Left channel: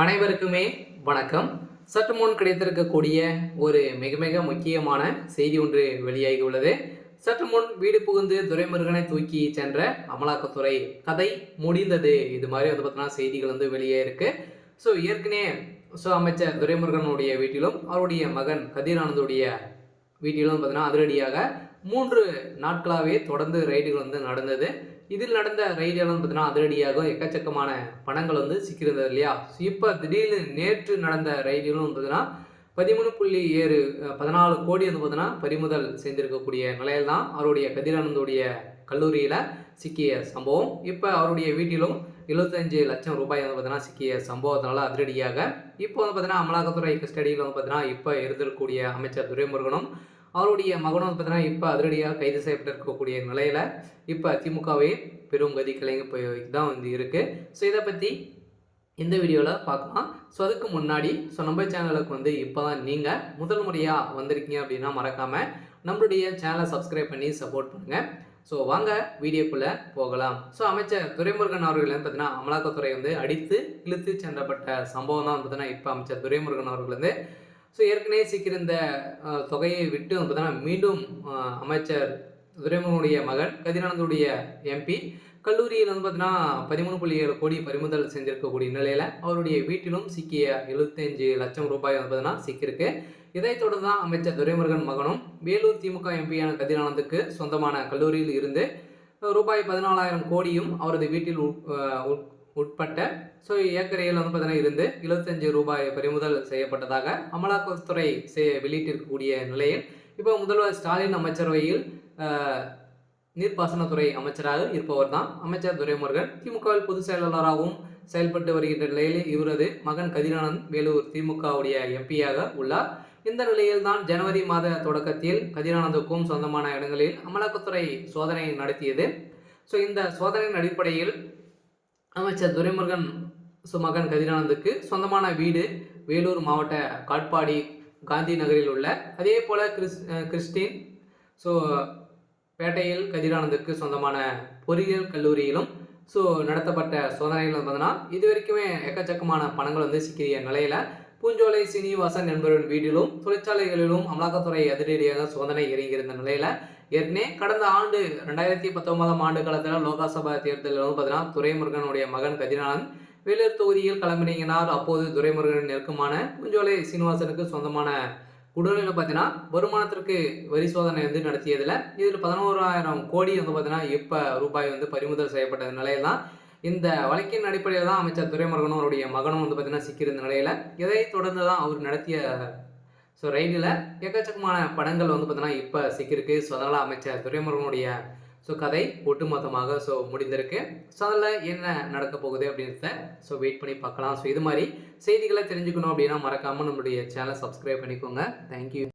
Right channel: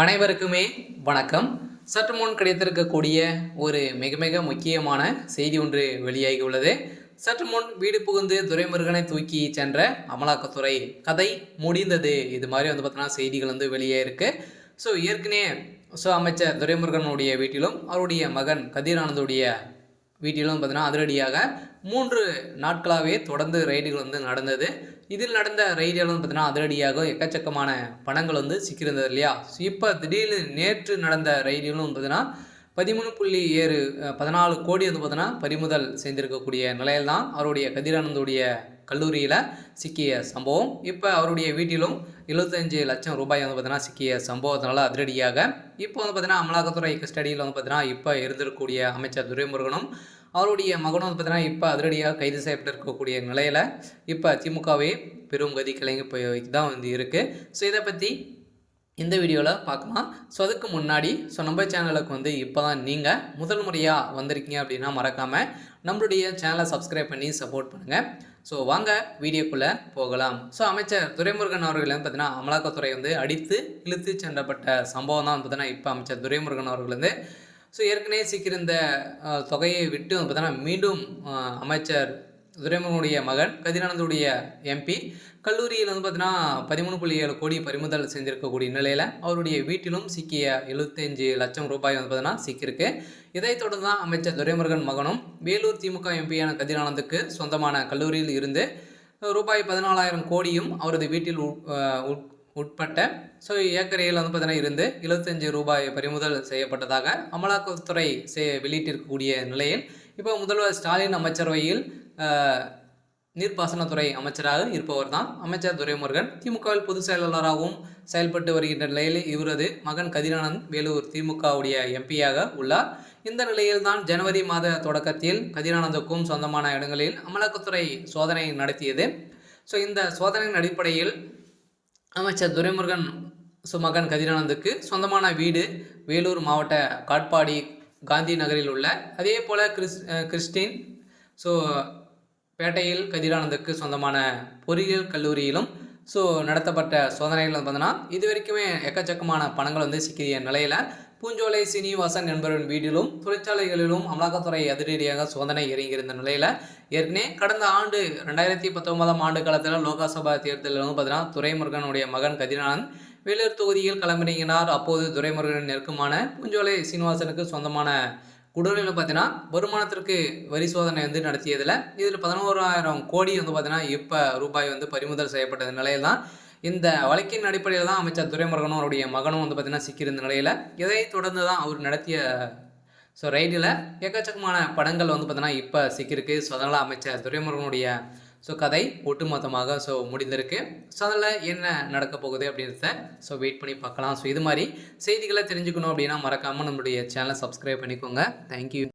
அனைவருக்குமே வணக்கம். சற்று முன் கிடைத்திருக்கக்கூடிய ஒரு மிக மிக முக்கியமான செய்தி ஒன்று வெளியாகி உள்ளது. சற்று முன் வீடு புகுந்து துரைமுருகனை தூக்கி சென்ற அமலாக்கத்துறை கதை முடிந்தது. இது மாதிரி பார்த்தீங்கன்னா செய்திகள் வெளியே இருக்கு. ஏற்கனவே அமைச்சர் துரைமுருகனுடைய வீட்டிலும் அவருடைய மகன் கதிர் ஆனந்துடைய வீட்டிலும் பார்த்தீங்கன்னா அதிரடியாக 3 நாட்களாகவே தொடர்ந்து ரைடுகள் நடந்தது. இதில் நடந்த ரைடுகளும் பார்த்தீங்கன்னா அதிரடியாக எக்கச்சக்கமான பணங்கள் சிக்கியிருந்தது இல்லையா? இப்போ திடீர்னு நேற்று நடந்த ரைடுகளும் பார்த்தீங்கன்னா 14 கோடி பார்த்தீங்கன்னா பறிமுதல் செய்திருக்கக்கூடிய நிலையில் தான் அவருடைய கதிரானந்துடைய கல்லூரியில் சிக்கிய சம்பவம். இப்போ அவருடைய வீட்டிலும் 75 லட்சம் ரூபாய் பார்த்தீங்கன்னா சிக்கிய சம்பவத்தினால அதிரடியாக இப்போ பார்த்தீங்கன்னா அமலாக்கத்துறை கஸ்டடியில் பார்த்தீங்கன்னா இப்போ இருந்திருக்கக்கூடிய அமைச்சர் துரைமுருகனும் அவருடைய மகனும் பார்த்தீங்கன்னா இப்போ அதிரடியாக கைது செய்யப்பட்டிருக்கக்கூடிய நிலையில் இப்போ திமுகவே பெரும் கதி கிளங்கி போய் தான் இருக்குது. இதை பற்றி இந்த வீடியோவில் பார்க்கலாம். அதுக்கு முன்னாடி நம்ம சேனலுக்கு இப்போ தான் நீங்கள் முதல் முறையாக வந்திருக்கீங்க அப்படின்னா மறக்காமல் நம்மளுடைய சேனலை சப்ஸ்கிரைப் பண்ணி சப்போர்ட் பண்ணுங்கள். வாங்க வீடியோக்குள்ளே போகலாம். அமைச்சர் துரைமுருகன் அவர்கள் பார்த்தீங்கன்னா அமலாக்கத்துறை அடித்து இழுத்து சென்றப்பட்ட சம்பவம் தான் பார்த்தீங்கன்னா இப்போ அமைச்சர் துரைமுருகன் அவர்கள் ஏற்கனவே சிக்கியிருந்த தொகையை விட்டு பார்த்தீங்கன்னா மீண்டும் அமைச்சர் துரைமுருகனுடைய மகன் கதிரானந்துடைய எம்பி கல்லூரியில் பார்த்தீங்கன்னா 13.7 கோடி பறிமுதல் செஞ்சிருக்கக்கூடிய நிலையில் அவருடைய வீட்டிலும் சிக்கிய 75 லட்சம் ரூபாய் பார்த்தீங்கன்னா சிக்கியிருக்கு. இதைத் தொடர்ந்து தான் அமைச்சர் துரைமுருகன் மகனும் வேலூர் திமுக எம்பியான கதிரானந்துக்கு சொந்தமான கல்லூரியில் இருந்து ரூபாய் 14,000 கோடியும் அவரது வீட்டில் உட்பட்ட ஏக்கரையில் பார்த்தீங்கன்னா இருந்து 75 ரூபாய் பறிமுதல் செய்யப்பட்டதாக அமலாக்கத்துறை வெளியிட்டிருக்கக்கூடிய நிலையில் இப்போ முதல்வர் ஸ்டாலின் அமைச்சரவையில் நீர்ப்பாசனத்துறை அமைச்சராக இருப்பவர் தான் அமைச்சர் துரைமுருகன். திமுகவில் பொதுச் செயலாளராகவும் செயல்பட்டு வருகின்ற நிலையில் இவரது மகன் கதிரானந்த் வேலூர் திமுகவுடைய எம்பியாக உள்ளார். இந்த நிலையில் தான் ஜனவரி மாத தொடக்கத்தில் கதிரானந்துக்கும் சொந்தமான இடங்களில் அமலாக்கத்துறை சோதனை நடத்தியது. இந்த சோதனையின் அடிப்படையில் அமைச்சர் துரைமுருகன் மகன் கதிரானந்துக்கு சொந்தமான வீடு வேலூர் மாவட்ட காட்பாடி காந்தி நகரில் உள்ள, அதே போல் கிறிஸ்டின் பேட்டையில் கதிரானந்துக்கு சொந்தமான பொறியியல் கல்லூரியிலும் நடத்தப்பட்ட சோதனைகள் பார்த்தீங்கன்னா இது வரைக்குமே எக்கச்சக்கமான பணங்கள் சிக்கிய நிலையில் பூஞ்சோலை சீனிவாசன் என்பவரின் வீட்டிலும் தொழிற்சாலைகளிலும் அமலாக்கத்துறை அதிரடியாக சோதனை இறங்கியிருந்த நிலையில் ஏற்கனவே கடந்த ஆண்டு 2019 ஆண்டு காலத்தில் லோக்சபா தேர்தலில் பார்த்தீங்கன்னா துரைமுருகனுடைய மகன் கதிரானந்த் வேலூர் தொகுதியில் களமிறங்கினார். அப்போது துரைமுருகனின் நெருக்கமான பூஞ்சோலை சீனிவாசனுக்கு சொந்தமான குடோனில் பார்த்தீங்கன்னா வருமானத்திற்கு வரி சோதனை நடத்தியதில் இதில் 11,000 கோடி பார்த்தீங்கன்னா இப்போ ரூபாய் பறிமுதல் செய்யப்பட்ட நிலையில் தான் இந்த வழக்கின் அடிப்படையில் தான் அமைச்சர் துரைமுருகனும் அவருடைய மகனும் பார்த்தீங்கன்னா சிக்கியிருந்த நிலையில் இதை தொடர்ந்து தான் அவர் நடத்திய ரைடில் எக்கச்சக்கமான படங்கள் பார்த்தீங்கன்னா இப்போ சிக்கியிருக்கு. அதனால் அமைச்சர் துரைமுருகனுடைய கதை ஒட்டுமொத்தமாக முடிந்திருக்கு. அதில் என்ன நடக்க போகுது அப்படின்றத வெயிட் பண்ணி பார்க்கலாம். இது மாதிரி செய்திகளை தெரிஞ்சுக்கணும் அப்படின்னா மறக்காமல் நம்மளுடைய சேனலை சப்ஸ்கிரைப் பண்ணிக்கோங்க. தேங்க்யூ.